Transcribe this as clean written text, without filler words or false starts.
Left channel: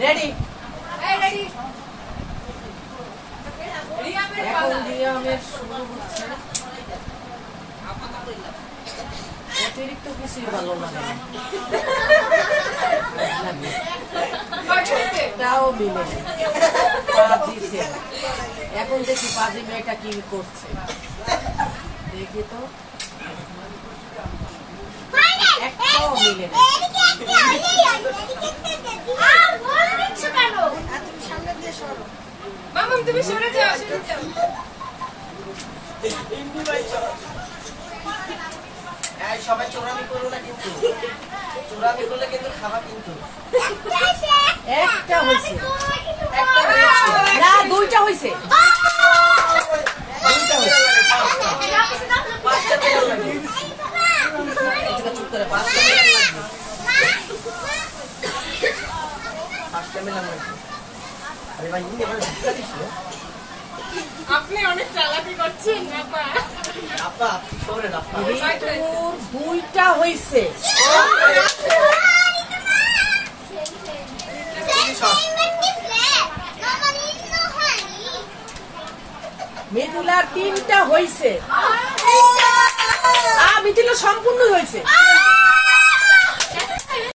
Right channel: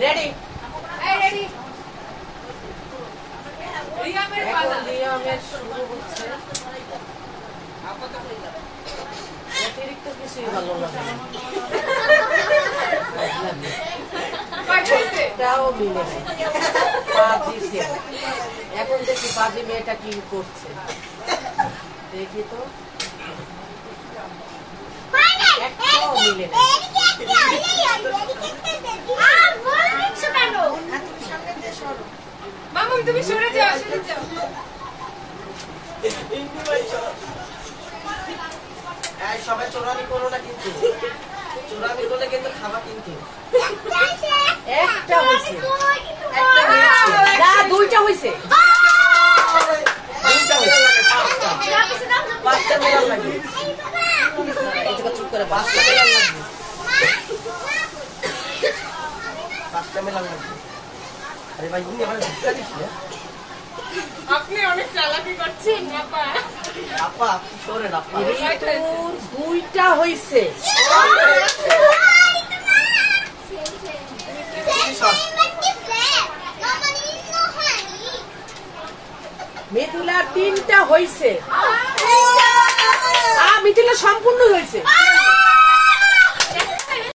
ready এখন রিয়ামের শুরু হচ্ছে অতিরিক্ত কিছুই ভালো লাগে এটাও মিলে এখন দেখি পাজি মেয়েটা কি করছে দেখি তো একটাও মিলে না তুমি সরে যাও সবাই চোরানি করো না কিন্তু চোরানি করলে কিন্তু খাবা কিন্তু একটা হয়েছে না দুইটা হয়েছে পাঁচটা মেলার লাগবে চুপ করে পাঁচটা মেলার লাগবে পাঁচটা মেলার লাগবে আরে ভাই আপনি অনেক চালাকি করছেন আপা আপা সরে না দুইটা হয়েছে মিথিলার তিনটা হয়েছে মিথিলা সম্পূর্ণ হয়েছে